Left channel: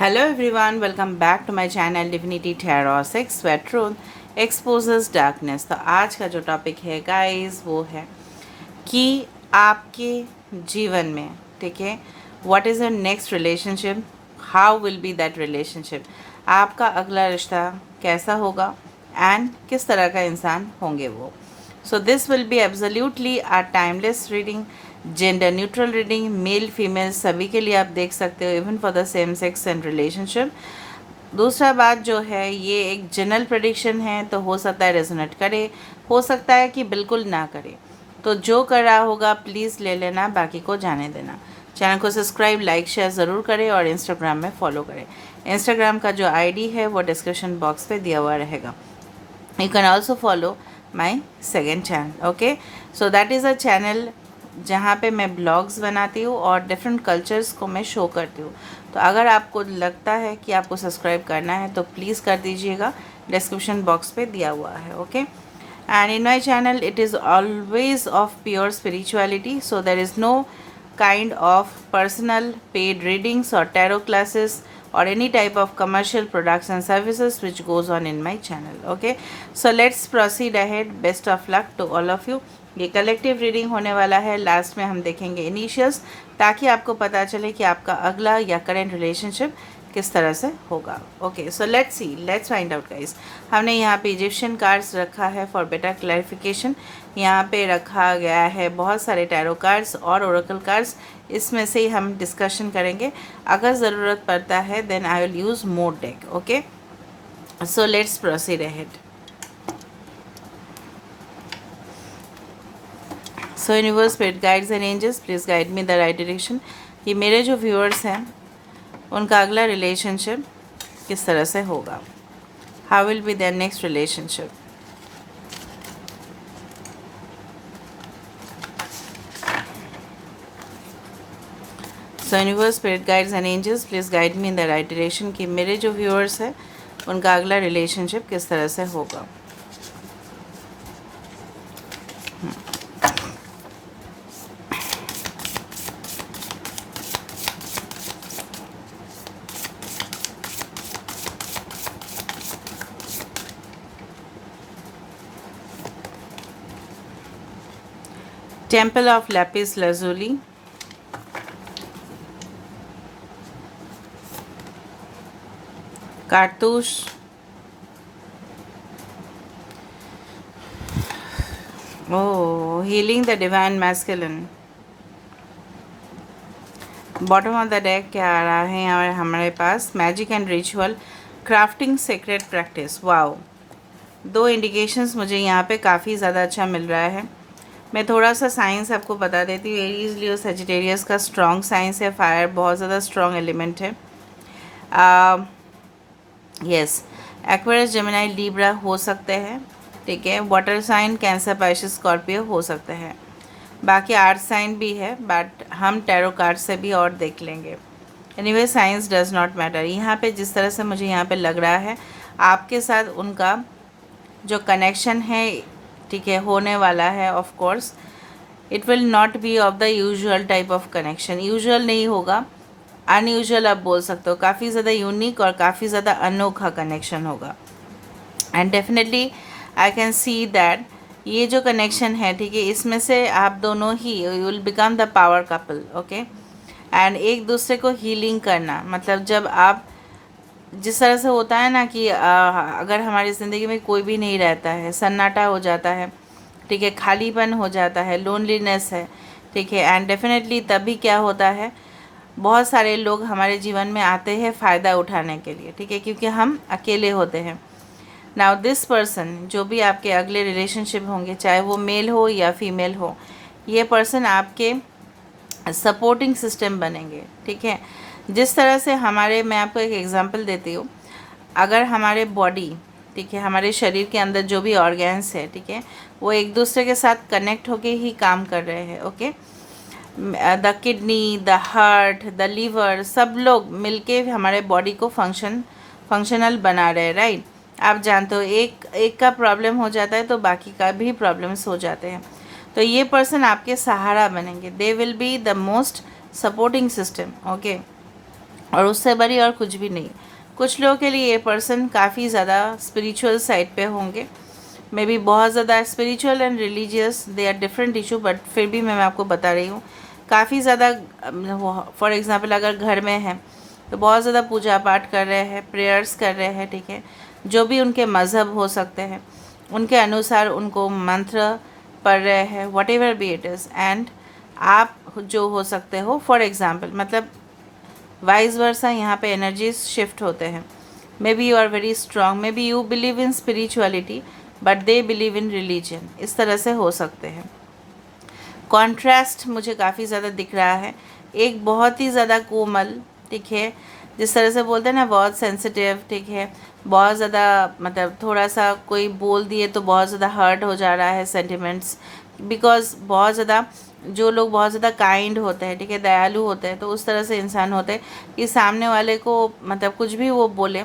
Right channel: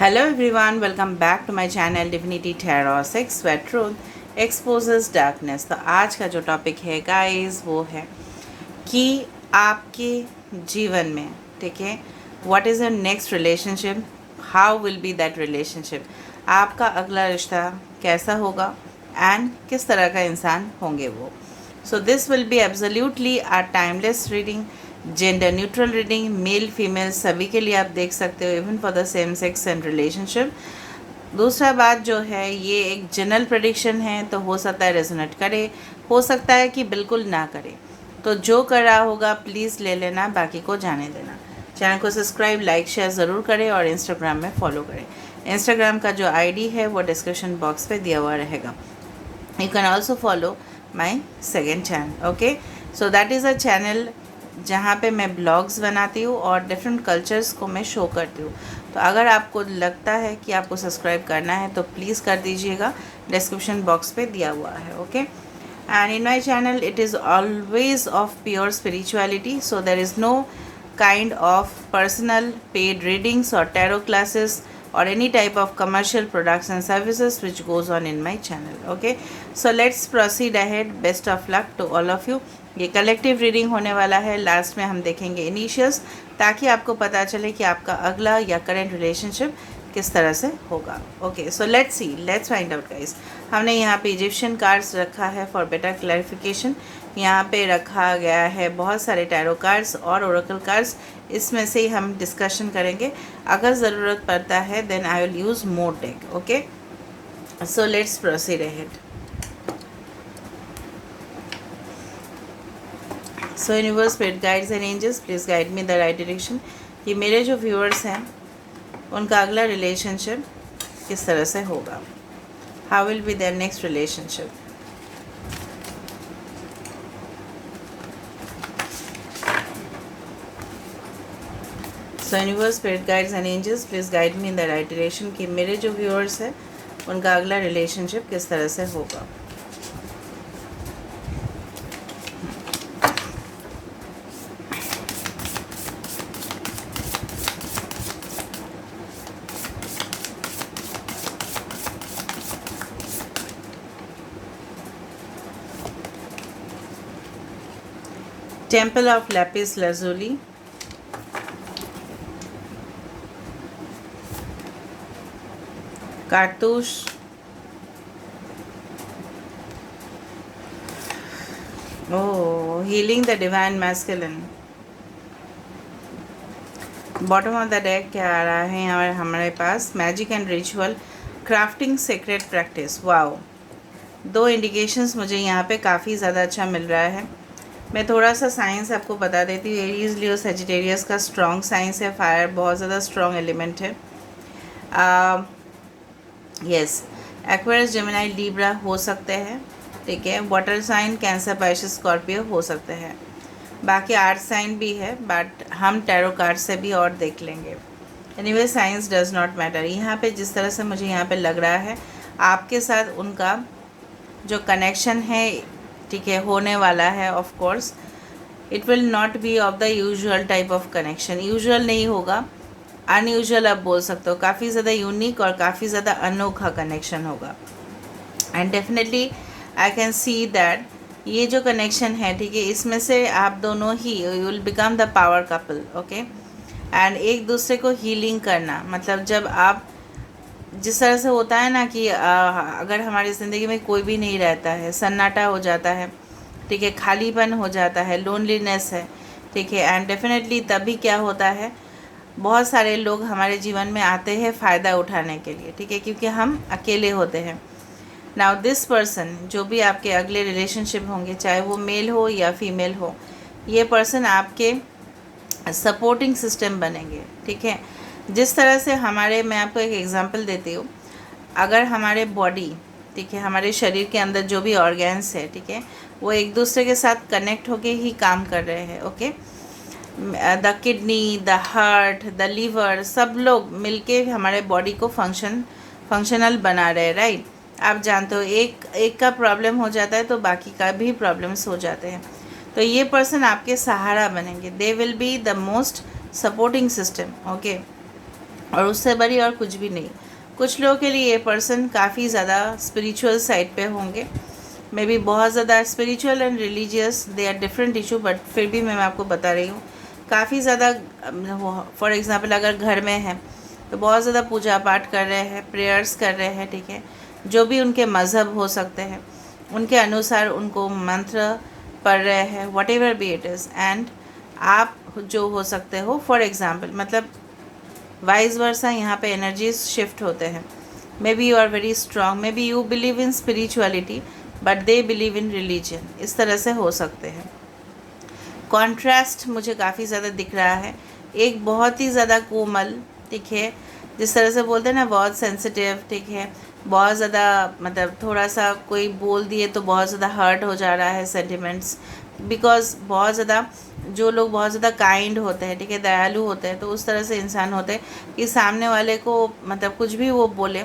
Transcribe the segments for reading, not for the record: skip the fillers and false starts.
Hello everyone, welcome back to my channel Divinity Tarot 6 where truth exposes darkness। तो आज का जो topic है गाइस वो है कि आपके जीवन में, ठीक है, what is your next relationship, how will B that relationship, आपका अगला रिश्ता कैसा होगा एंड किस तरह का इंसान होंगे वो। So this will be absolutely a timeless reading, gender neutral reading, male female सभी के लिए आप देख सकते हो, even for the same sex and relationship. दूसरा बात जो है, ये एक जनरल प्रेडिक्शन है, तो हो सकता है रेजोनेट करे, हो सकता है कि बिल्कुल ना करे। तो जो कर रहा होगा प्लीज़ ले लेना, बाकी को जाने देना। चैनल को सब्सक्राइब लाइक शेयर ज़रूर करें और इंस्टाग्राम में फॉलो करें। इंस्टाग्राम का जो आईडी है वो डिस्क्रिप्शन बॉक्स पे दिया हुआ रहेगा। You can also follow my second channel, okay? So that is a channel जहाँ पे मैं ब्लॉग्स बनाती हूँ और डिफरेंट कल्चर्स को मैं शो करती हूँ। तो अगर आपको लगता है कि आपको सब्सक्राइब करना है तो प्लीज़ कर दीजिएगा, डिस्क्रिप्शन बॉक्स पे दिया हुआ है, okay? And in my channel it is always of pure spirituality, so there is no kind of personal paid readings or tarot classes or any type of commercial products and services which goes on in my channel, okay? So let's proceed ahead. Best of luck to all of you. ये collective reading होने वाला है। Last में हम देखेंगे initials, ताकि आपको पता चले कि आपका अगला या करेंट रिलेशनशिप किस तरह से होगा। Okay, so let's see, let's find out guys. हमने यहाँ पे इजिप्शियन कार्ड्स रखा है फॉर बेटर क्लैरिफिकेशन। यहाँ पे रखा गया है बहुत सारे टैरो कार्ड्स और ओरेकल कार्ड्स, इसमें से ही हम डिस्कशन करेंगे। अगर ज़रूरत पड़ता है then I will use more deck, okay? So let's proceed ahead. So universe, spirit guides and angels, please guide me the right direction कि मेरे जो व्यूअर्स हैं उनका अगला रिलेशनशिप किस तरह से होगा, how will be their next relationship. So universe, spirit guides and angels, please guide me in the right direction कि मेरे जो व्यूअर्स हैं उनका अगला रिलेशनशिप किस तरह से होगा। टेम्पल ऑफ लैपिस लाजुली, कारतूस, oh, healing the divine masculine. Bottom of the deck क्या आ रहा है और हमारे पास magic and ritual, crafting secret practice. Wow, दो इंडिकेशंस मुझे यहाँ पे काफ़ी ज़्यादा अच्छा मिल रहा है। मैं थोड़ा सा साइंस आपको बता देती हूँ। एरीज लियो सजिटेरियस का स्ट्रॉन्ग साइंस है, फायर बहुत ज़्यादा स्ट्रॉन्ग एलिमेंट है। यस, एक्वेरियस, जेमिनी, लिब्रा हो सकते हैं, ठीक है। Water sign, cancer, Pisces, Scorpio हो सकते हैं। बाकी आर्थ साइन भी है, बट हम टैरो कार्ड से भी और देख लेंगे। Anyway, science does not matter. यहाँ पे जिस तरह से मुझे यहाँ पे लग रहा है आपके साथ उनका जो कनेक्शन है, ठीक है, होने वाला है। Of course it will not be of the usual type of connection, usual नहीं होगा, अनयूजुअल आप बोल सकते हो। काफ़ी ज़्यादा यूनिक और काफ़ी ज़्यादा अनोखा कनेक्शन होगा। And definitely I can see that ये जो कनेक्शन है, ठीक है, इसमें से आप दोनों ही you will become the power couple, okay? And एक दूसरे को हीलिंग करना, मतलब जब आप जिस तरह से होता है ना कि अगर हमारी ज़िंदगी में कोई भी नहीं रहता है, सन्नाटा हो जाता है, ठीक है, खालीपन हो जाता है, लोनलीनेस है, ठीक है, एंड डेफिनेटली तभी क्या होता है, बहुत सारे लोग हमारे जीवन में आते हैं फ़ायदा उठाने के लिए, ठीक है, क्योंकि हम अकेले होते हैं। नाउ दिस पर्सन, जो भी आपके अगले रिलेशनशिप होंगे, चाहे वो मेल हो या फीमेल हो, ये पर्सन आपके सपोर्टिंग सिस्टम बनेंगे, ठीक है। जिस तरह से हमारे, मैं आपको एक एग्जांपल देती हूँ, अगर हमारे बॉडी, ठीक है, हमारे शरीर के अंदर जो भी ऑर्गन्स है, ठीक है, वो एक दूसरे के साथ कनेक्ट होके ही काम कर रहे हैं, okay? The kidney, the heart, the liver, सब लोग मिलके हमारे बॉडी को फंक्शनल बना रहे हैं, राइट? आप जानते हो, एक का प्रॉब्लम हो जाता है तो बाकी का भी प्रॉब्लम्स हो जाते हैं। तो ये पर्सन आपके सहारा बनेंगे, they will be the most supporting system, okay? और उससे बड़ी और कुछ भी नहीं। कुछ लोगों के लिए ये पर्सन काफ़ी ज़्यादा स्पिरिचुअल साइड पे होंगे, मे बी बहुत ज़्यादा spiritual and religious, they are different issue, but फिर भी मैं आपको बता रही हूँ काफ़ी ज़्यादा। फॉर एग्ज़ाम्पल अगर घर में है तो बहुत ज़्यादा पूजा पाठ कर रहे हैं, प्रेयर्स कर रहे हैं, ठीक है, जो भी उनके मज़हब हो सकते हैं उनके अनुसार उनको मंत्र पढ़ रहे हैं, whatever be it is. And आप जो हो सकते हो, फॉर एग्ज़ाम्पल मतलब वाइस वर्सा, यहाँ पे एनर्जीज शिफ्ट होते हैं। Maybe you are very strong, maybe you believe in spirituality but they believe in religion, इस तरह से हो सकते हैं। कॉन्ट्रास्ट मुझे काफ़ी ज़्यादा दिख रहा है। एक बहुत ही ज़्यादा कोमल, ठीक है, जिस तरह से बोलते हैं ना बहुत सेंसिटिव, ठीक है, बहुत ज़्यादा मतलब थोड़ा सा कोई बोल दिए तो बहुत ज़्यादा हर्ट हो जा रहा है सेंटिमेंट्स, बिकॉज बहुत ज़्यादा जो लोग बहुत ज़्यादा काइंड होते हैं, ठीक है, दयालु होते हैं, तो उस तरह से इंसान होते हैं कि सामने वाले को मतलब कुछ भी वो बोले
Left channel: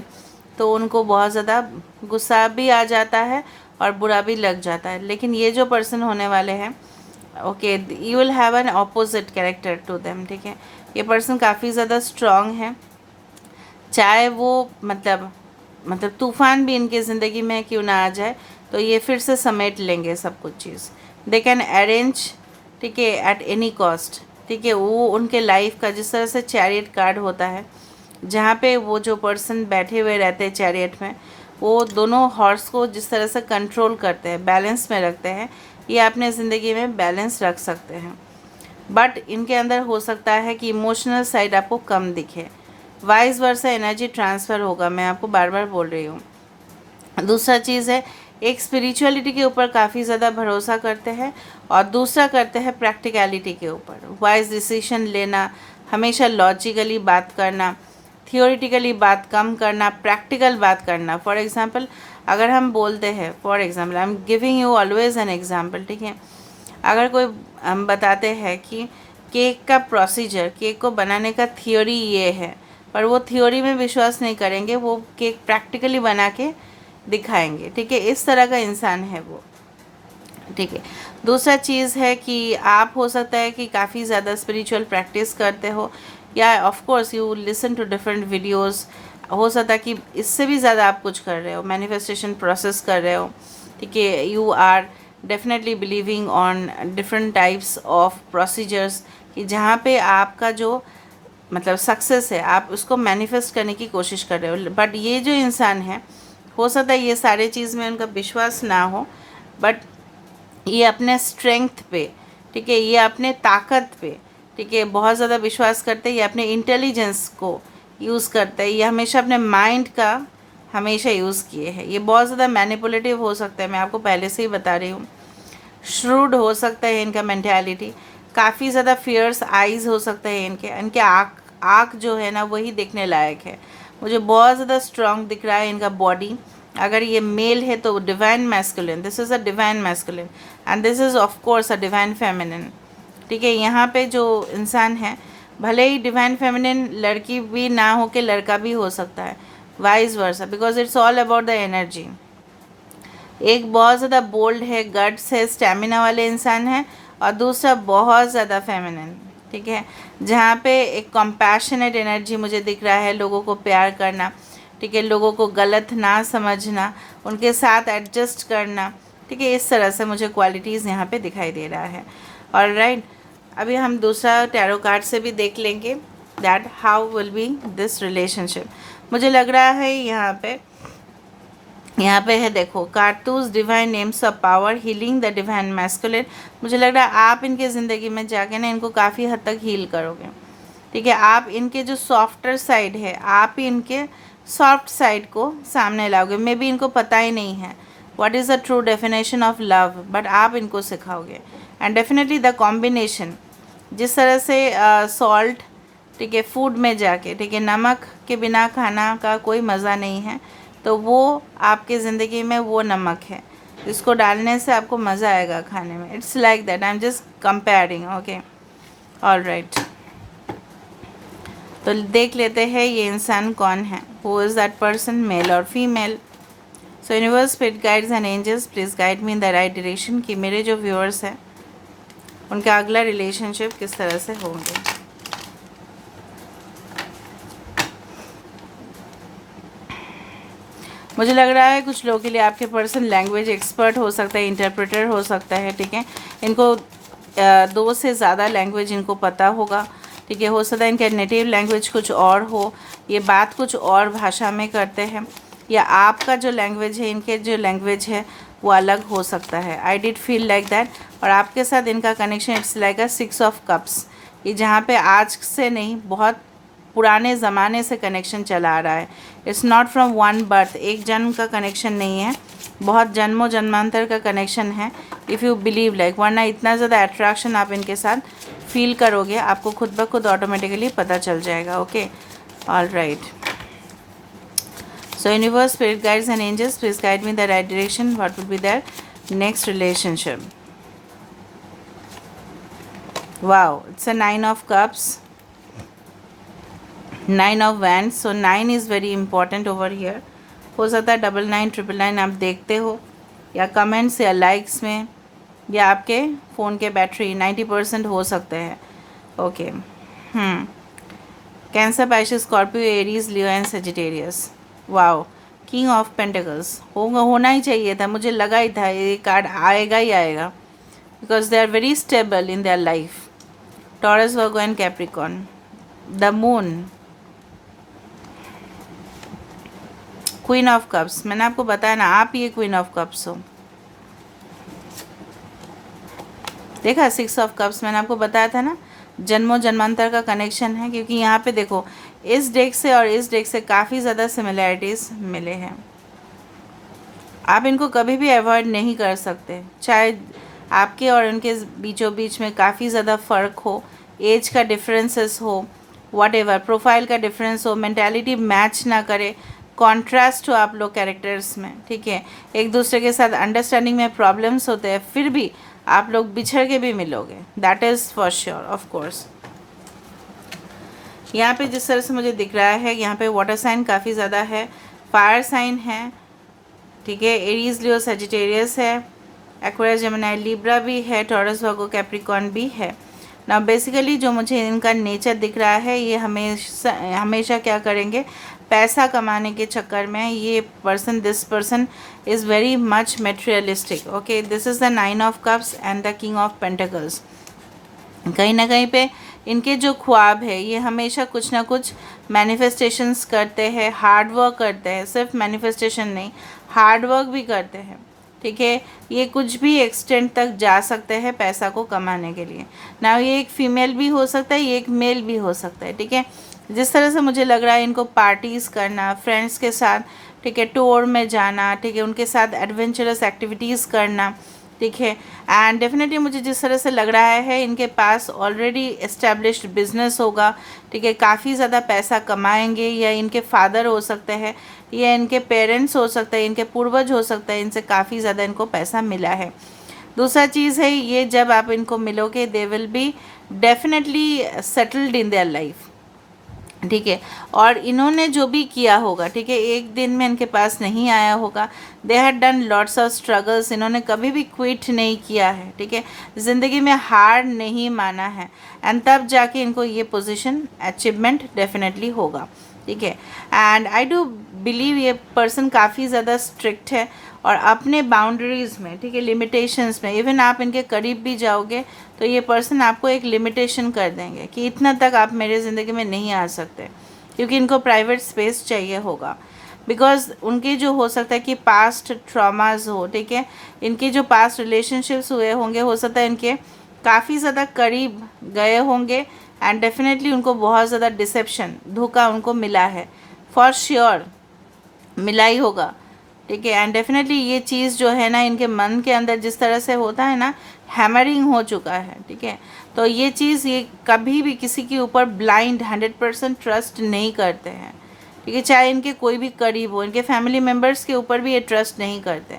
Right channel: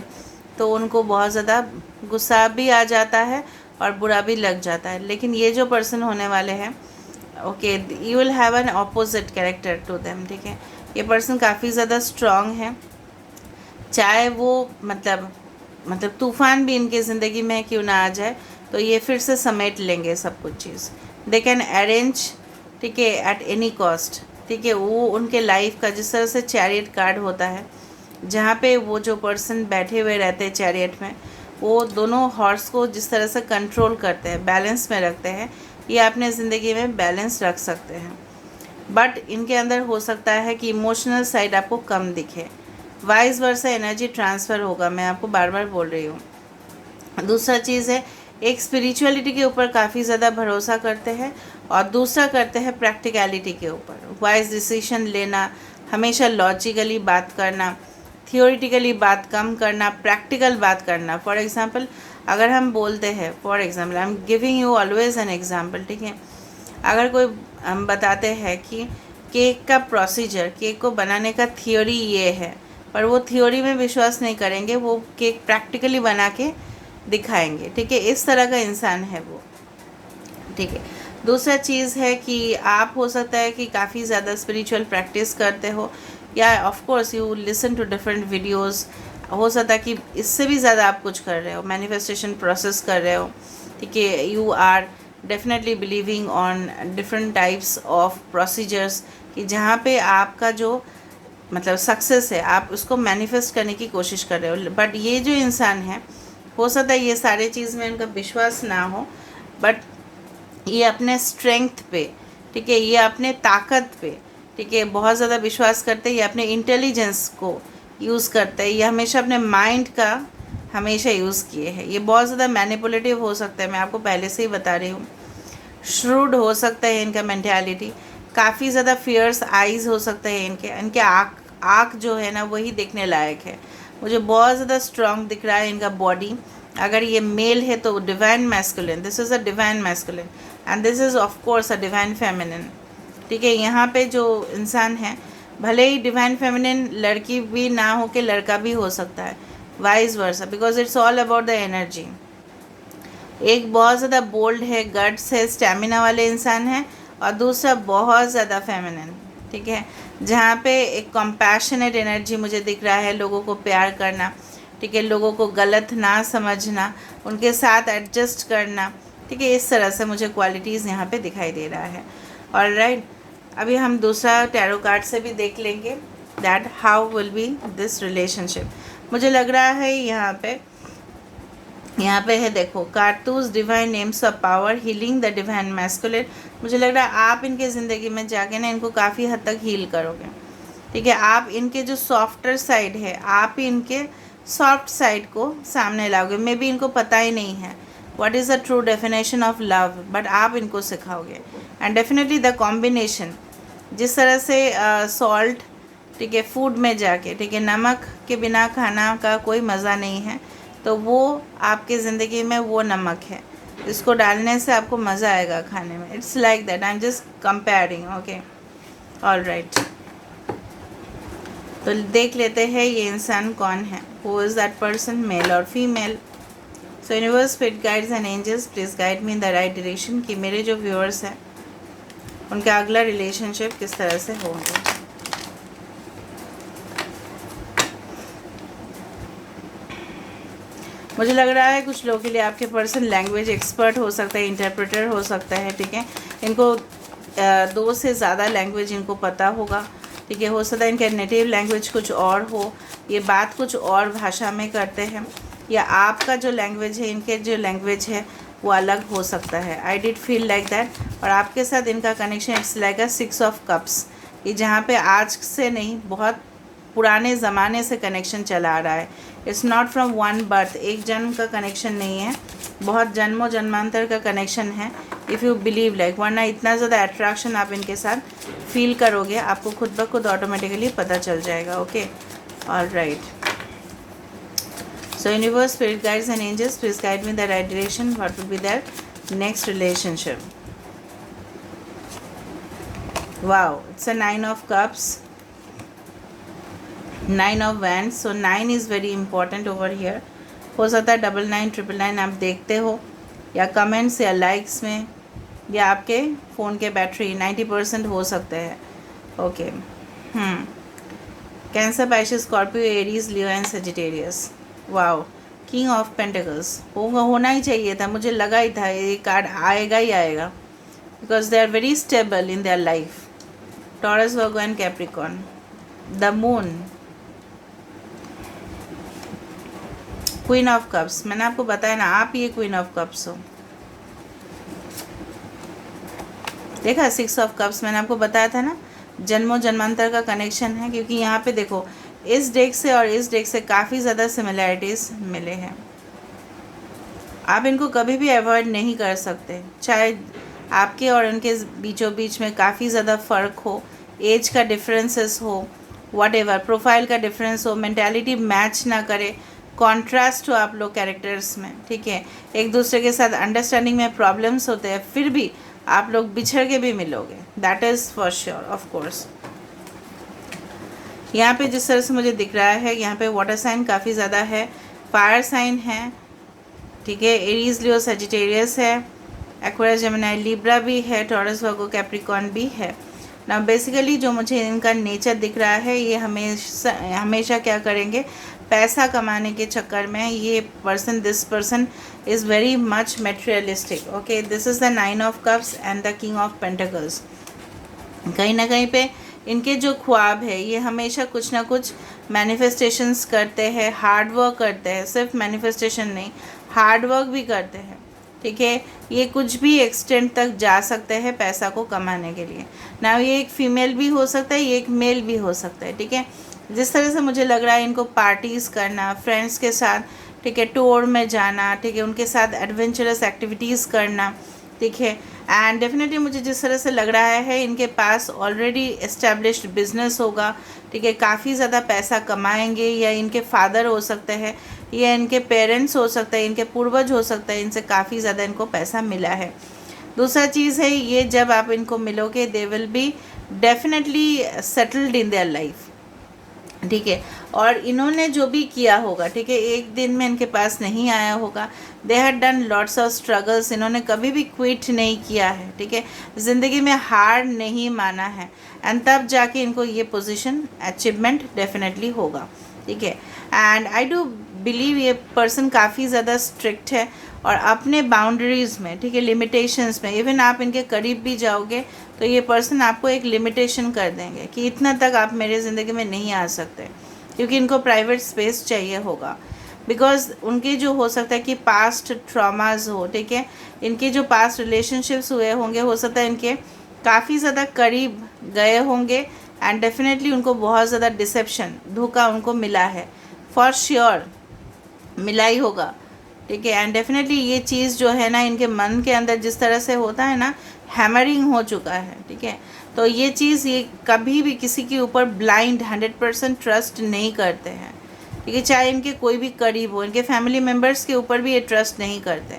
तो उनको बहुत ज़्यादा गुस्सा भी आ जाता है और बुरा भी लग जाता है। लेकिन ये जो पर्सन होने वाले हैं, okay, you will have an opposite character to them, ठीक है। ये पर्सन काफ़ी ज़्यादा स्ट्रॉन्ग है, चाहे वो मतलब तूफ़ान भी इनके ज़िंदगी में क्यों ना आ जाए तो ये फिर से समेट लेंगे सब कुछ चीज़। दे कैन अरेंज, ठीक है, एट एनी कॉस्ट, ठीक है। वो उनके लाइफ का जिस तरह से चैरियट कार्ड होता है, जहाँ पे वो जो पर्सन बैठे हुए रहते हैं चैरियट में, वो दोनों हॉर्स को जिस तरह से कंट्रोल करते हैं, बैलेंस में रखते हैं, ये अपने ज़िंदगी में बैलेंस रख सकते हैं। बट इनके अंदर हो सकता है कि इमोशनल साइड आपको कम दिखे। वाइस वर्सा एनर्जी ट्रांसफ़र होगा, मैं आपको बार बार बोल रही हूँ। दूसरा चीज़ है, एक स्पिरिचुअलिटी के ऊपर काफ़ी ज़्यादा भरोसा करते हैं और दूसरा करते हैं प्रैक्टिकलिटी के ऊपर। वाइज डिसीजन लेना, हमेशा लॉजिकली बात करना, थियोरिटिकली बात कम करना, प्रैक्टिकल बात करना। फॉर एग्ज़ाम्पल अगर हम बोलते हैं, for example I am giving you always an example, ठीक है, अगर कोई हम बताते हैं कि केक का प्रोसीजर, केक को बनाने का थियोरी ये है, पर वो थियोरी में विश्वास नहीं करेंगे, वो केक प्रैक्टिकली बना के दिखाएंगे, ठीक है, इस तरह का इंसान है वो, ठीक है। दूसरा चीज़ है कि आप हो सकता है कि काफ़ी ज़्यादा स्पिरिचुअल प्रैक्टिस करते हो, या of course you listen to different videos, हो सकता है कि इससे भी ज़्यादा आप कुछ कर रहे हो, मैनिफेस्टेशन प्रोसेस कर रहे हो, ठीक है। You are definitely believing on different types of procedures, कि जहाँ पे आपका जो मतलब सक्सेस है आप उसको मैनिफेस्ट करने की कोशिश कर रहे हो। बट ये जो इंसान है, हो सकता है ये सारे चीज़ में उनका विश्वास ना हो, बट ये अपने स्ट्रेंथ पे, ठीक है, ये अपने ताकत पे, ठीक है, बहुत ज़्यादा विश्वास करते हैं। ये अपने इंटेलिजेंस को यूज़ करते हैं, ये हमेशा अपने माइंड का हमेशा यूज़ किए हैं। ये बहुत ज़्यादा मैनिपुलेटिव हो सकता है, मैं आपको पहले से ही बता रही हूँ। श्रूड हो सकता है इनका मेंटालिटी, काफ़ी ज़्यादा फियर्स आइज़ हो सकता है इनके, इनके आँख जो है ना वही देखने लायक है। मुझे बहुत ज़्यादा स्ट्रांग दिख रहा है इनका बॉडी। अगर ये मेल है तो divine masculine, this is a divine masculine and this is of course a divine feminine, ठीक है। यहाँ पे जो इंसान है, भले ही डिवाइन फेमिनिन लड़की भी ना हो के लड़का भी हो सकता है, wise versa, because it's all about the energy. एक बहुत ज़्यादा बोल्ड है, गट्स है, स्टैमिना वाले इंसान है, और दूसरा बहुत ज़्यादा फेमिनिन, ठीक है, जहाँ पे एक कंपैशनेट एनर्जी मुझे दिख रहा है, लोगों को प्यार करना, ठीक है, लोगों को गलत ना समझना, उनके साथ एडजस्ट करना, ठीक है, इस तरह से मुझे क्वालिटीज़ यहाँ पे दिखाई दे रहा है। ऑलराइट, अभी हम दूसरा टैरो कार्ड से भी देख लेंगे that how will B this relationship. मुझे लग रहा है यहाँ पे है, देखो, कारतूस divine names of power healing the divine masculine. मुझे लग रहा है आप इनके ज़िंदगी में जाके ना इनको काफ़ी हद तक हील करोगे, ठीक है। आप इनके जो सॉफ्टर साइड है, आप ही इनके सॉफ्ट साइड को सामने लाओगे। मे बी इनको पता ही नहीं है what is the true definition of love, but आप इनको सिखाओगे। एंड डेफिनेटली द कॉम्बिनेशन, जिस तरह से सॉल्ट, ठीक है, फूड में जाके, ठीक है, नमक के बिना खाना का कोई मज़ा नहीं है, तो वो आपके ज़िंदगी में वो नमक है, इसको डालने से आपको मज़ा आएगा खाने में। It's like that, I am just comparing, okay. Alright, तो देख लेते हैं ये इंसान कौन है, who is that person, male और female. So universe, spirit guides and angels, please guide me in the right direction, कि मेरे जो व्यूअर्स हैं उनका अगला रिलेशनशिप किस तरह से होंगे। मुझे लग रहा है कुछ लोगों के लिए आपके पर्सन लैंग्वेज एक्सपर्ट हो सकता है, इंटरप्रेटर हो सकता है, ठीक है। इनको 2 से ज़्यादा लैंग्वेज इनको पता होगा, ठीक है। हो सकता है इनका नेटिव लैंग्वेज कुछ और हो, ये बात कुछ और भाषा में करते हैं, या आपका जो लैंग्वेज है, इनके जो लैंग्वेज है वो अलग हो सकता है। I did feel like that. और आपके साथ इनका connection it's like a 6 of cups, ये जहाँ पे आज से नहीं, बहुत पुराने ज़माने से कनेक्शन चला आ रहा है। It's not from one birth, एक जन्म का कनेक्शन नहीं है, बहुत जन्मों जन्मांतर का कनेक्शन है। इफ़ यू बिलीव लाइक, वरना इतना ज़्यादा अट्रैक्शन आप इनके साथ फील करोगे, आपको खुद ब खुद ऑटोमेटिकली पता चल जाएगा। Okay, all right. So universe, spirit guides and angels, please guide me in the right direction. What will be their next relationship? Wow, it's a 9 of cups, 9 of wands. So 9 is very important over here. हो सकता है 99 999 आप देखते हो, या comments या likes में, या आपके फ़ोन के बैटरी 90% हो सकते हैं। Okay, cancer, Pisces, Scorpio, Aries, Leo and Sagittarius. Wow, king of pentacles होना ही चाहिए था, मुझे लगा ही था ये कार्ड आएगा ही आएगा, because they are very stable in their life. Taurus, Virgo and Capricorn. The moon, queen of cups. मैंने आपको बताया ना, आप ये क्वीन ऑफ कप्स हो। देखा, 6 ऑफ कप्स मैंने आपको बताया था ना, जन्मों जन्मांतर का कनेक्शन है, क्योंकि यहाँ पे देखो इस डेक से और इस डेक से काफ़ी ज़्यादा सिमिलैरिटीज़ मिले हैं। आप इनको कभी भी अवॉइड नहीं कर सकते, चाहे आपके और उनके बीचों बीच में काफ़ी ज़्यादा फ़र्क हो, एज का डिफरेंसेस हो, वॉटेवर, प्रोफाइल का डिफरेंस हो, मेंटालिटी मैच ना करे, कॉन्ट्रास्ट हो आप लोग कैरेक्टर्स में, ठीक है। एक दूसरे के साथ अंडरस्टैंडिंग में प्रॉब्लम्स होते हैं, फिर भी आप लोग बिछड़ के भी मिलोगे, that is for sure, of course. यहाँ पे जिस तरह से मुझे दिख रहा है, यहाँ पे वाटर साइन काफ़ी ज़्यादा है, फायर साइन है, ठीक है, एरीज, लियो, सजिटेरियस है, एक्वेरियस, जेमिनी, लिब्रा भी है, टॉरस, वर्गो, कैप्रिकॉर्न भी है ना। बेसिकली जो मुझे इनका नेचर दिख रहा है, ये हमेशा क्या करेंगे, पैसा कमाने के चक्कर में ये person, this person is very much materialistic. Okay, this is the 9 of cups and the king of pentacles. कहीं ना कहीं पे इनके जो ख्वाब है, ये हमेशा कुछ ना कुछ मैनिफेस्टेशंस करते हैं, हार्ड वर्क करते हैं, सिर्फ मैनिफेस्टेशन नहीं, हार्ड वर्क भी करते हैं, ठीक है। ये कुछ भी एक्सटेंट तक जा सकते हैं पैसा को कमाने के लिए ना। ये एक फीमेल भी हो सकता है, ये एक मेल भी हो सकता है, ठीक है। जिस तरह से मुझे लग रहा है, इनको पार्टीज़ करना, फ्रेंड्स के साथ, ठीक है, टूर में जाना, ठीक है, उनके साथ एडवेंचरस एक्टिविटीज़ करना, ठीक है। एंड डेफिनेटली मुझे जिस तरह से लग रहा है, इनके पास ऑलरेडी एस्टेब्लिश्ड बिजनेस होगा, ठीक है, काफ़ी ज़्यादा पैसा कमाएंगे, या इनके फादर हो सकते हैं, या इनके पेरेंट्स हो सकते हैं, इनके पूर्वज हो सकते हैं, इनसे काफ़ी ज़्यादा इनको पैसा मिला है। दूसरा चीज़ है, ये जब आप इनको मिलोगे, they will be definitely settled in their life, ठीक है। और इन्होंने जो भी किया होगा, ठीक है, एक दिन में इनके पास नहीं आया होगा, they had done lots of struggles, इन्होंने कभी भी क्विट नहीं किया है, ठीक है, ज़िंदगी में हार नहीं माना है, एंड तब जाके इनको ये पोजीशन अचीवमेंट डेफिनेटली होगा, ठीक है। एंड आई डू बिलीव ये पर्सन काफ़ी ज़्यादा स्ट्रिक्ट है, और अपने बाउंड्रीज़ में, ठीक है, लिमिटेशंस में, इवन आप इनके करीब भी जाओगे तो ये पर्सन आपको एक लिमिटेशन कर देंगे कि इतना तक आप मेरे ज़िंदगी में नहीं आ सकते, क्योंकि इनको प्राइवेट स्पेस चाहिए होगा, बिकॉज उनके जो हो सकता है कि पास्ट ट्रॉमाज हो, ठीक है, इनके जो पास्ट रिलेशनशिप्स हुए होंगे, हो सकता है इनके काफ़ी ज़्यादा करीब गए होंगे, एंड डेफिनेटली उनको बहुत ज़्यादा डिसेप्शन, धोखा उनको मिला है, फॉर श्योर मिला ही होगा, ठीक है। एंड डेफिनेटली ये चीज़ जो है ना, इनके मन के अंदर जिस तरह से होता है ना, हैमरिंग हो चुका है, ठीक है। तो ये चीज़, ये कभी भी किसी के ऊपर ब्लाइंड 100% ट्रस्ट नहीं करते हैं, ठीक है, चाहे इनके कोई भी करीब हो, इनके फैमिली मेम्बर्स के ऊपर भी ये ट्रस्ट नहीं करते।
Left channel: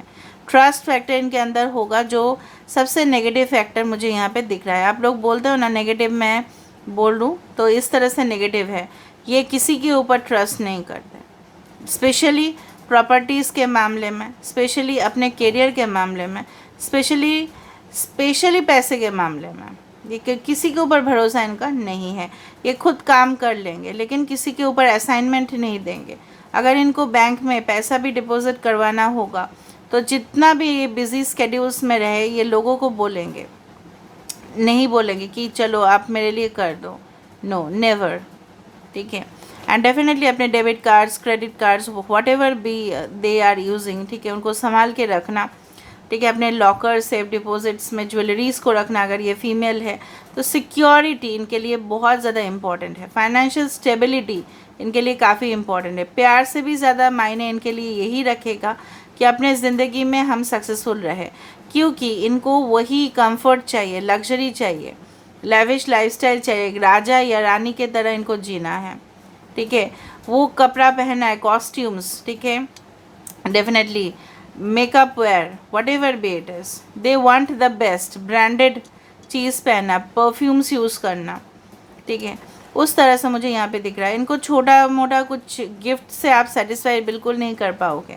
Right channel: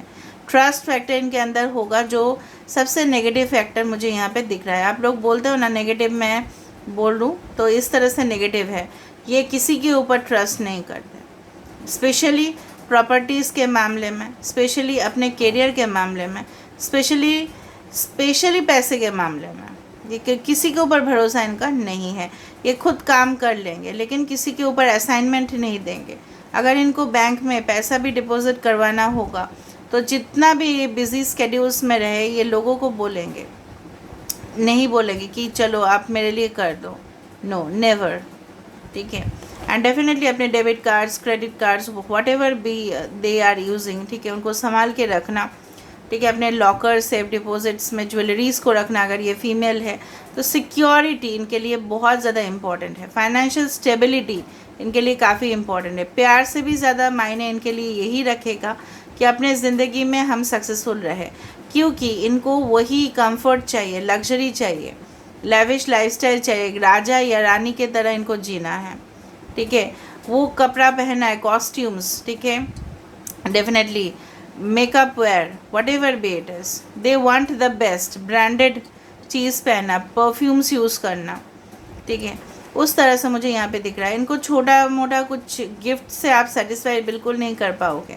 ट्रस्ट फैक्टर इनके अंदर होगा, जो सबसे नेगेटिव फैक्टर मुझे यहाँ पे दिख रहा है। आप लोग बोलते हो ना नेगेटिव, मैं बोल दूँ तो इस तरह से नेगेटिव है, ये किसी के ऊपर ट्रस्ट नहीं करते, स्पेशली प्रॉपर्टीज़ के मामले में, स्पेशली अपने करियर के मामले में, स्पेशली पैसे के मामले में, ये किसी के ऊपर भरोसा इनका नहीं है। ये खुद काम कर लेंगे लेकिन किसी के ऊपर असाइनमेंट नहीं देंगे। अगर इनको बैंक में पैसा भी डिपॉजिट करवाना होगा तो जितना भी ये बिज़ी स्केड्यूल्स में रहे ये लोगों को बोलेंगे, नहीं बोलेंगे कि चलो आप मेरे लिए कर दो, नो नेवर। ठीक है। एंड डेफिनेटली अपने debit cards, credit cards, whatever be they are using, ठीक है, उनको संभाल के रखना। ठीक है। अपने लॉकर, सेफ डिपॉजिट्स में ज्वेलरीज़ को रखना। अगर ये फीमेल है तो सिक्योरिटी इनके लिए बहुत ज़्यादा इम्पॉर्टेंट है। फाइनेंशियल स्टेबिलिटी इनके लिए काफ़ी इम्पॉर्टेंट है। प्यार से भी ज़्यादा मायने इनके लिए यही रखेगा कि अपने ज़िंदगी में हम सक्सेसफुल रहे, क्योंकि इनको वही कंफर्ट चाहिए, लग्जरी चाहिए, लेविश लाइफस्टाइल चाहिए, राजा या रानी के तरह इनको जीना है। ठीक है। वो कपड़ा पहना है, कॉस्ट्यूम्स, ठीक है, definitely makeup wear, whatever be it is, they want the best, branded चीज़ पहनना, परफ्यूम्स यूज़ करना। ठीक है। उस तरह से मुझे यहाँ पे दिख रहा है। इनको छोटा मोटा कुछ गिफ्ट से आप सेटिस्फाई बिल्कुल नहीं कर पाओगे।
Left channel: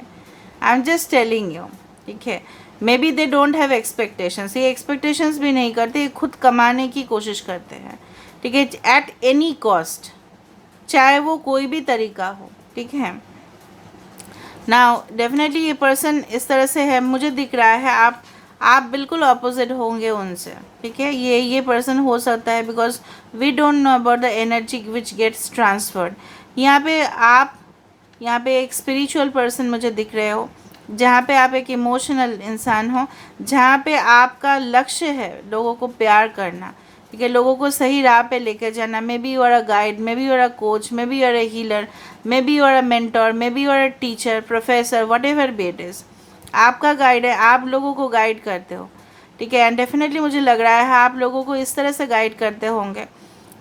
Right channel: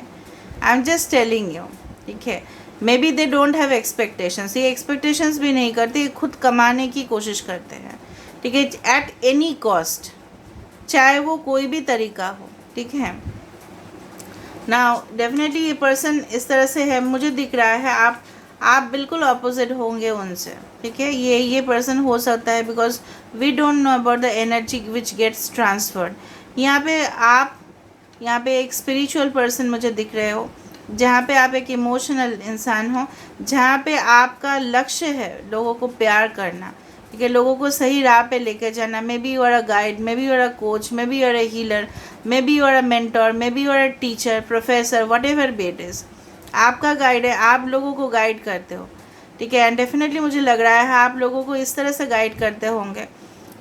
आई एम जस्ट टेलिंग यू। ठीक है। Maybe they don't have expectations, ये एक्सपेक्टेशंस भी नहीं करते, ये खुद कमाने की कोशिश करते हैं। ठीक है। एट एनी कॉस्ट, चाहे वो कोई भी तरीका हो। ठीक है। नाउ डेफिनेटली ये पर्सन इस तरह से है, मुझे दिख रहा है आप बिल्कुल अपोजिट होंगे उनसे। ठीक है। ये पर्सन हो सकता है because we don't know about the energy which gets transferred. यहाँ पे एक स्पिरिचुअल पर्सन मुझे दिख रहे हो, जहाँ पे आप एक इमोशनल इंसान हो, जहाँ पे आपका लक्ष्य है लोगों को प्यार करना। ठीक है। लोगों को सही राह पे लेके जाना। Maybe you are a guide, maybe you are a coach, maybe you are a healer, maybe you are a mentor, maybe you are a teacher, professor, whatever be it is, आपका guide है, आप लोगों को guide करते हो। ठीक है। And definitely मुझे लग रहा है आप लोगों को इस तरह से गाइड करते होंगे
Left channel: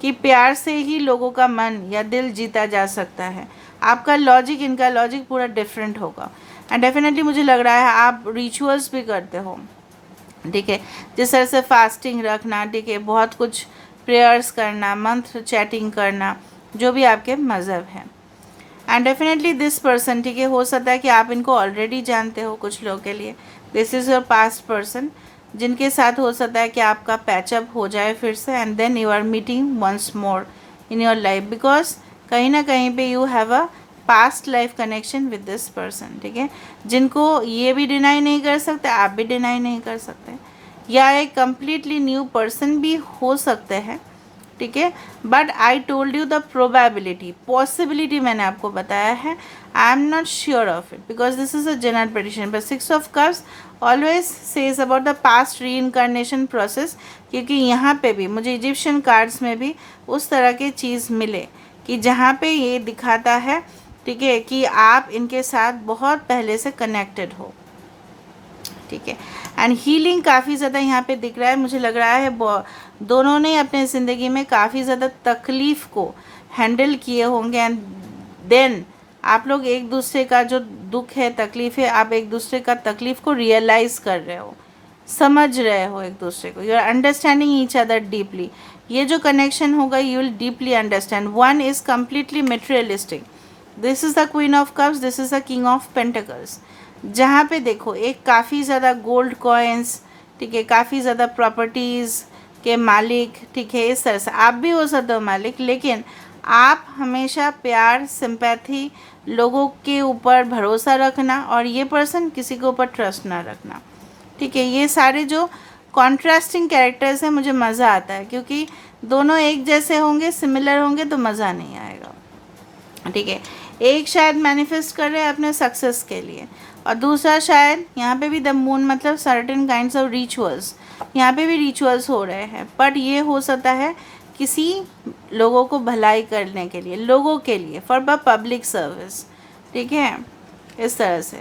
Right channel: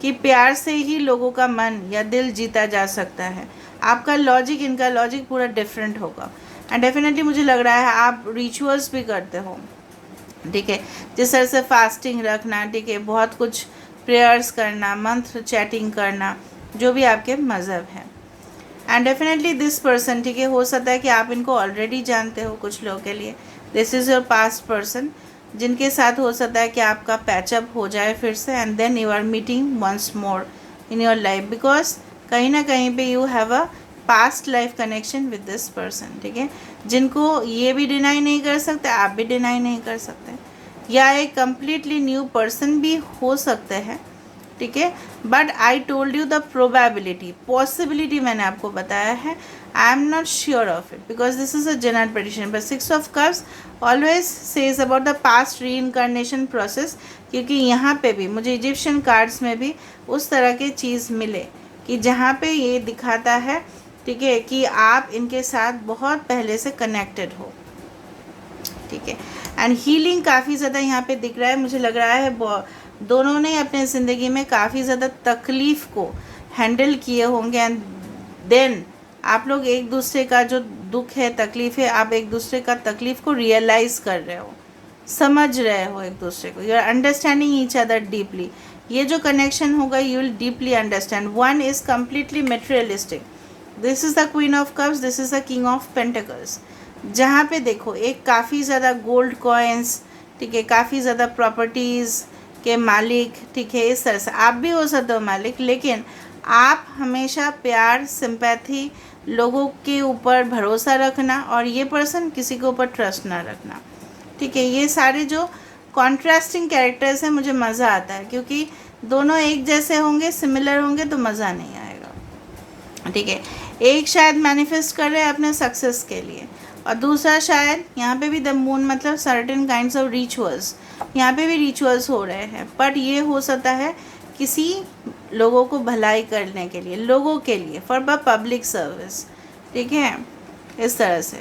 कि प्यार से ही लोगों का मन या दिल जीता जा सकता है। आपका लॉजिक, इनका लॉजिक पूरा डिफरेंट होगा। एंड डेफिनेटली मुझे लग रहा है आप रिचुअल्स भी करते हो। ठीक है। जिस तरह से फास्टिंग रखना, ठीक है, बहुत कुछ प्रेयर्स करना, मंत्र चैटिंग करना, जो भी आपके मज़हब हैं। एंड डेफिनेटली दिस पर्सन, ठीक है, हो सकता है कि आप इनको ऑलरेडी जानते हो। कुछ लोगों के लिए this is your past person, जिनके साथ हो सकता है कि आपका पैचअप हो जाए फिर से, and then you are meeting once more in your life, because कहीं ना कहीं पे you have a past life connection with this person. ठीक है। जिनको ये भी डिनाई नहीं कर सकते, आप भी डिनाई नहीं कर सकते, या एक कम्प्लीटली न्यू पर्सन भी हो सकते हैं। ठीक है। But I told you the probability, possibility मैंने आपको बताया है। आई am not sure of it because this is a general prediction, but 6 of cups always says about the past री इनकारनेशन प्रोसेस, क्योंकि यहाँ पे भी मुझे इजिप्शियन कार्ड्स में भी उस तरह की चीज़ मिले कि जहाँ पे ये दिखाता है, ठीक है, कि आप इनके साथ बहुत पहले से कनेक्टेड हो। ठीक है। एंड हीलिंग काफ़ी ज़्यादा यहाँ पे दिख रहा है। मुझे लग रहा है दोनों ने अपने ज़िंदगी में काफ़ी ज़्यादा तकलीफ़ को हैंडल किए होंगे, एंड देन आप लोग एक दूसरे का जो दुख है, तकलीफ़ है, आप एक दूसरे का तकलीफ़ को रियलाइज़ कर रहे हो, समझ रहे हो एक दूसरे को, you are understanding each other deeply. ये जो कनेक्शन होगा you will deeply understand. One is completely materialistic, this is the queen of cups, this is the king of pentacles, जहाँ पे देखो एक काफ़ी ज़्यादा गोल्ड कॉइन्स, ठीक है, काफ़ी ज़्यादा प्रॉपर्टीज़ के मालिक, ठीक है, इस तरह से आप भी हो सकते हो मालिक, लेकिन आप हमेशा प्यार, सिंपैथी, लोगों के ऊपर भरोसा रखना, और ये पर्सन किसी के ऊपर ट्रस्ट ना रखना। ठीक है। ये सारे जो कॉन्ट्रास्टिंग कैरेक्टर्स हैं, मुझे मज़ा आता है, क्योंकि दोनों एक जैसे होंगे, सिमिलर होंगे तो मज़ा नहीं आएगा। ठीक है। एक शायद मैनिफेस्ट कर रहे हैं अपने सक्सेस के लिए, और दूसरा शायद यहाँ पे भी द मून, मतलब सर्टेन काइंड्स ऑफ रिचुअल्स, यहाँ पे भी रिचुअल्स हो रहे हैं, बट ये हो सकता है किसी लोगों को भलाई करने के लिए, लोगों के लिए, फॉर द पब्लिक सर्विस। ठीक है। इस तरह से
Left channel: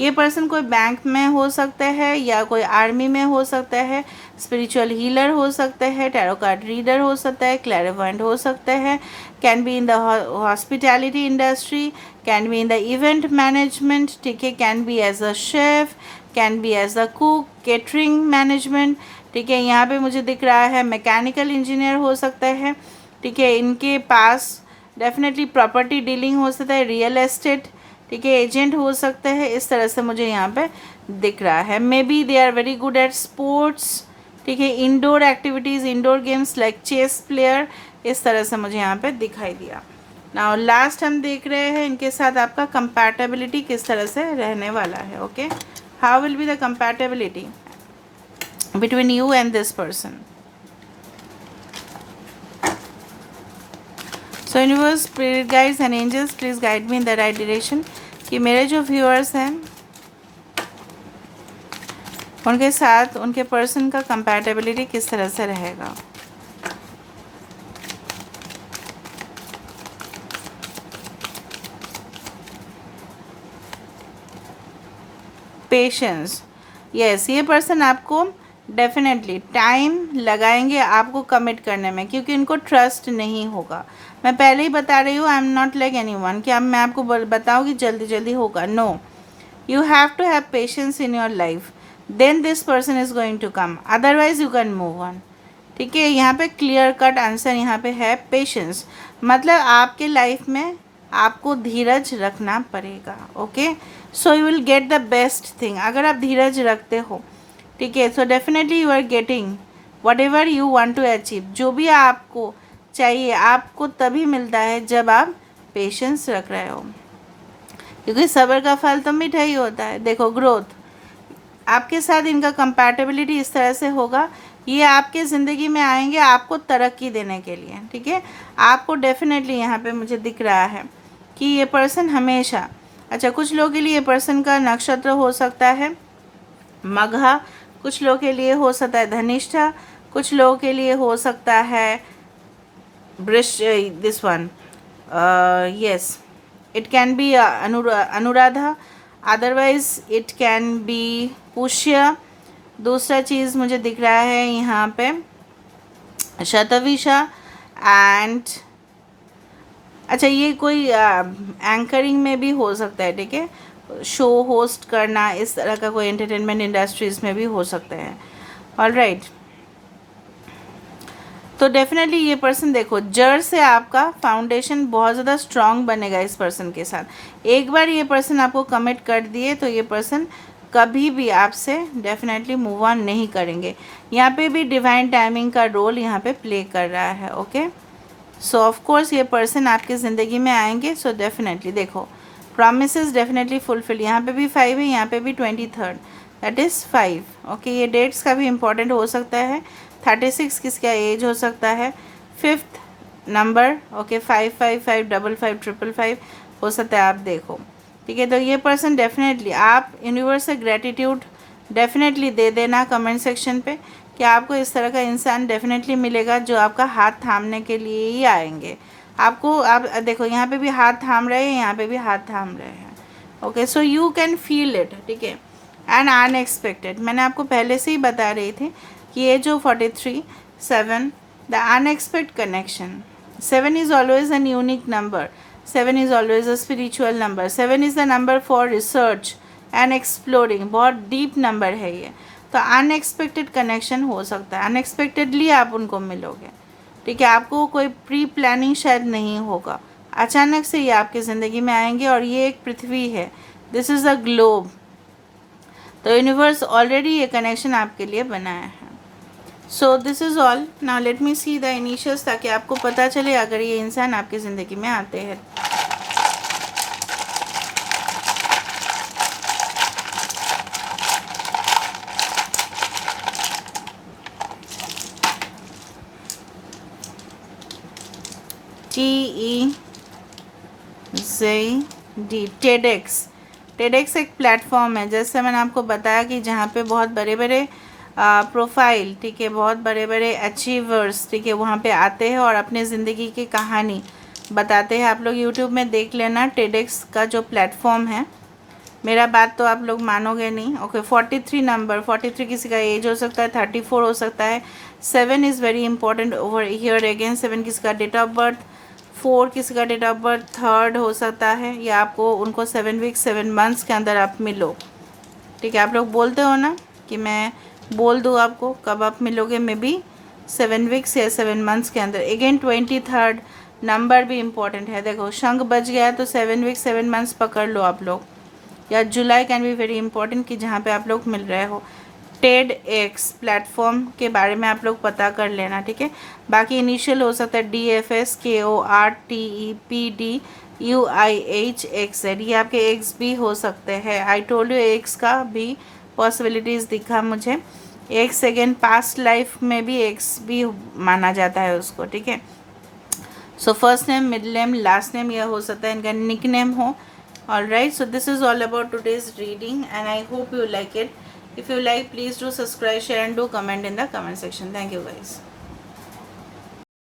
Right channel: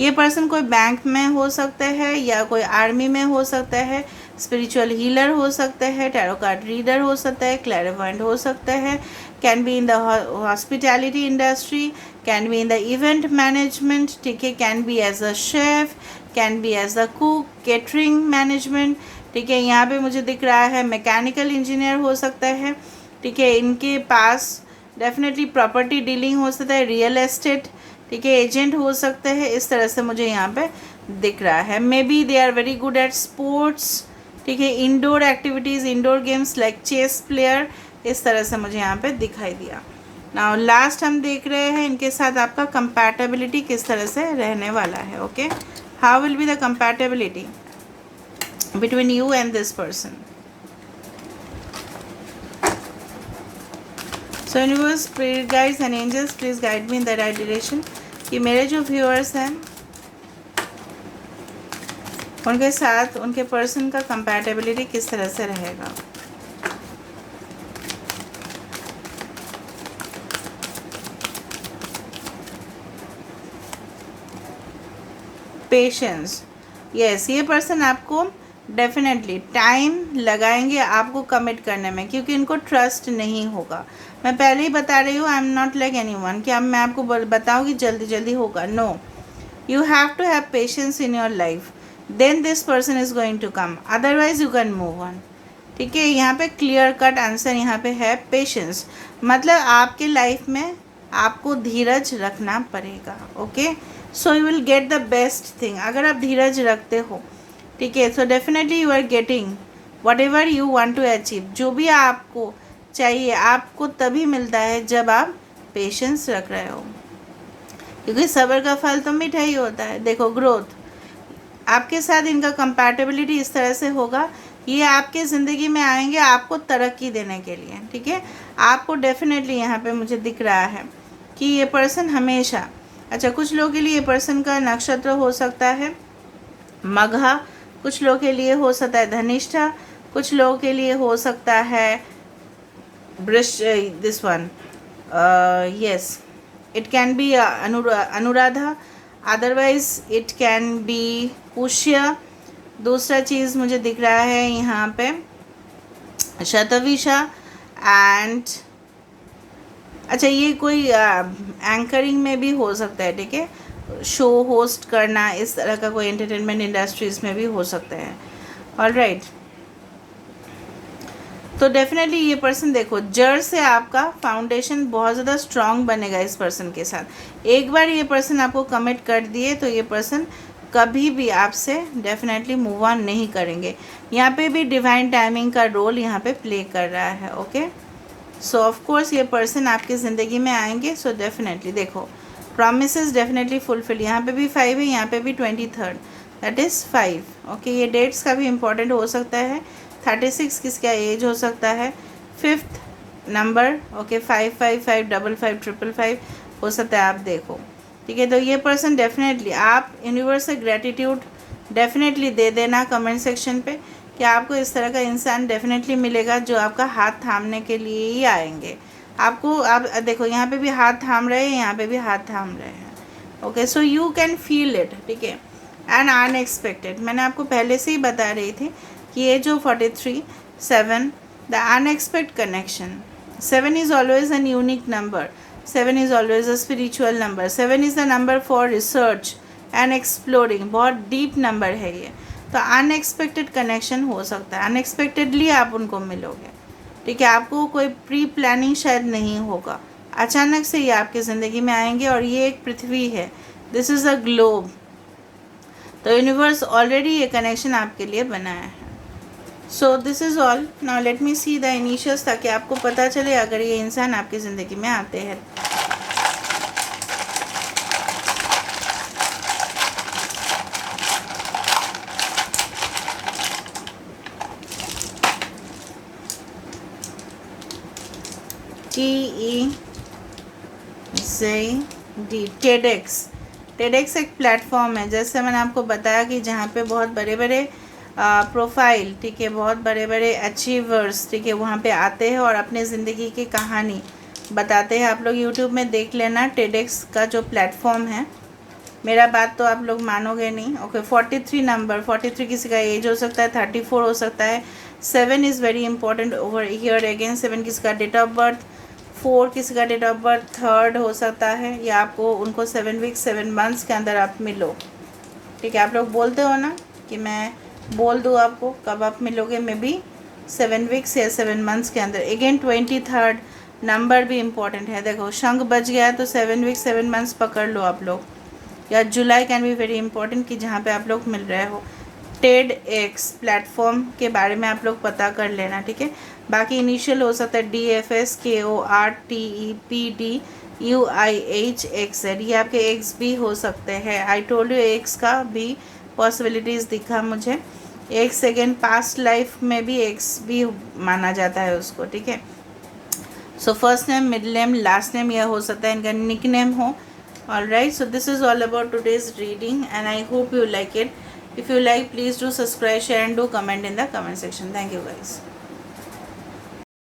ये पर्सन कोई बैंक में हो सकता है, या कोई आर्मी में हो सकता है, स्पिरिचुअल हीलर हो सकता है, टैरो कार्ड रीडर हो सकता है, क्लैरिवॉयंट हो सकता है, can be in the hospitality industry, can be in the event management, ठीक है, can be as a chef, can be as a cook, catering management. ठीक है। यहाँ पे मुझे दिख रहा है मैकेनिकल इंजीनियर हो सकता है। ठीक है। इनके पास डेफिनेटली प्रॉपर्टी डीलिंग हो सकता है, रियल एस्टेट, ठीक है, एजेंट हो सकता है। इस तरह से मुझे यहाँ पे दिख रहा है। Maybe they are very good at sports, ठीक है। Indoor activities, indoor games like chess player, इस तरह से मुझे यहाँ पे दिखाई दिया। नाउ लास्ट हम देख रहे हैं इनके साथ आपका कंपैटिबिलिटी किस तरह से रहने वाला है। Okay, how will be the compatibility between you and this person. So universe, spirit guides and angels, please guide me in the right direction कि मेरे जो व्यूअर्स हैं उनके साथ उनके पर्सन का कंपैटिबिलिटी किस तरह से रहेगा। पेशेंस, यस, ये पर्सन आपको डेफिनेटली टाइम लगाएंगे आपको कमिट करने में, क्योंकि इनको ट्रस्ट नहीं होगा। मैं पहले ही बता रही हूँ, I am not like anyone कि अब मैं आपको बताऊँ कि जल्दी जल्दी होगा। No, you have to have patience in your life, then this person is going to come, otherwise you can move on. ठीक है, यहाँ पे क्लियर कट आंसर यहाँ पे है पेशेंस, मतलब आपके लाइफ में आपको धीरज रखना पड़ेगा। Okay, so you will get the best thing अगर आप धीरज रखते हो। ठीक है, so definitely you are getting whatever you want to achieve, जो भी आपको चाहिए आपको तभी मिलता है जब आप पेशेंस रख रहे हो, क्योंकि सब्र का फल तो मीठा ही होता है। देखो, ग्रोथ, आपके साथ इनका कंपैटिबिलिटी इस तरह से होगा, ये आपके ज़िंदगी में आएंगे आपको तरक्की देने के लिए। ठीक है, आपको डेफिनेटली यहाँ पे मुझे दिख रहा है कि ये पर्सन हमेशा, अच्छा, कुछ लोगों के लिए ये पर्सन का नक्षत्र हो सकता है मघा, कुछ लोगों के लिए हो सकता है धनिष्ठा, कुछ लोगों के लिए हो सकता है Vrish, this one, yes, it can be Anuradha, otherwise it can be Pushya. दूसरा चीज़ मुझे दिख रहा है यहाँ पे शतविशा एंड, अच्छा, ये कोई एंकरिंग में भी हो सकता है। ठीक है, शो होस्ट करना, इस तरह का कोई एंटरटेनमेंट इंडस्ट्रीज़ में भी हो सकता है। ऑलराइट, तो डेफिनेटली ये पर्सन, देखो, जड़ से आपका फाउंडेशन बहुत ज़्यादा स्ट्रांग बनेगा इस पर्सन के साथ। एक बार ये पर्सन आपको कमिट कर दिए तो ये पर्सन कभी भी आपसे डेफिनेटली मूव ऑन नहीं करेंगे। यहाँ पे भी डिवाइन टाइमिंग का रोल यहाँ पे प्ले कर रहा है। ओके, सो ऑफ कोर्स ये पर्सन आपकी ज़िंदगी में आएंगे। सो डेफिनेटली देखो, प्रॉमिसेस डेफिनेटली फुलफिल, यहाँ पे भी 5 है, यहाँ पे भी 23rd, दैट इज़ 5। ओके, ये डेट्स का भी इम्पोर्टेंट हो सकता है। 36 किसका एज हो सकता है, 5th नंबर, ओके, 555 55 555 हो सकता है, आप देखो। ठीक है, तो ये पर्सन डेफिनेटली, आप यूनिवर्स से ग्रेटिट्यूड डेफिनेटली दे देना कमेंट सेक्शन पे कि आपको इस तरह का इंसान डेफिनेटली मिलेगा जो आपका हाथ थामने के लिए ही आएंगे आपको। आप देखो, यहाँ पे भी हाथ थाम रहे हैं, यहाँ पे भी हाथ थाम रहे हैं। Okay, so you can feel it. ठीक है, एंड अनएक्सपेक्टेड, मैंने आपको पहले से ही बता रही थी कि ये जो 43 7 the unexpected connection, 7 is always an unique number, 7 is always a spiritual number, 7 is the number for research and exploring, बहुत डीप नंबर है ये। तो अनएक्सपेक्टेड कनेक्शन हो सकता है, अनएक्सपेक्टेडली आप उनको मिलोगे। ठीक है, आपको कोई प्री प्लानिंग शायद नहीं होगा, अचानक से ये आपकी ज़िंदगी में आएंगे। और ये एक पृथ्वी है, दिस इज़ अ ग्लोब, तो यूनिवर्स ऑलरेडी ये कनेक्शन आपके लिए बनाया है। So this is all. Now let me see the initials, ताकि आपको पता चले अगर ये इंसान आपकी ज़िंदगी में आते हैं। TEZD, TEDx. टेडेक्स एक प्लेटफॉर्म है, जैसे मैंने आपको बताया कि जहाँ पे बहुत बड़े बड़े प्रोफाइल, ठीक है, बहुत बड़े बड़े अचीवर्स, ठीक है, वहाँ पे आते हैं और अपने ज़िंदगी की कहानी बताते हैं। आप लोग यूट्यूब में देख लेना टेडेक्स का जो प्लेटफॉर्म है। मेरा बात तो आप लोग मानोगे नहीं। ओके, 43 नंबर, 43 किसी का एज हो सकता है, 34 हो सकता है। 7 is very important over here again, 7 किसी का डेट ऑफ बर्थ, 4 किसी का डेट ऑफ बर्थ 3rd हो सकता है, या आपको उनको 7 वीक्स 7 मंथ्स के अंदर आप मिलो। ठीक है, आप लोग बोलते हो ना कि मैं बोल दूँ आपको कब आप मिलोगे, मे बी 7 वीक्स या 7 मंथ्स के अंदर। अगेन 23rd नंबर भी इम्पॉर्टेंट है। देखो, शंख बज गया तो 7 वीक्स 7 मंथ्स पकड़ लो आप लोग, या जुलाई कैन बी वेरी इंपॉर्टेंट कि जहाँ पे आप लोग मिल रहे हो। टेड एक्स प्लेटफॉर्म के बारे में आप लोग पता कर लेना, ठीक है। बाकी इनिशियल हो सकता है DFS KORTEPDUIHXZ, ये आपके एक्स भी हो सकते हैं। आई टोल्ड यू एक्स का भी पॉसिबिलिटीज़ दिखा मुझे। एक सेकेंड पास्ट लाइफ में भी एक्स भी माना जाता है उसको, ठीक है। So first name, middle name, last name यह हो सकता है इनका निक नेम हो। Alright, so this is all about today's reading and I hope you like it. If you like, please do subscribe, share and do comment in the comment section. Thank you guys.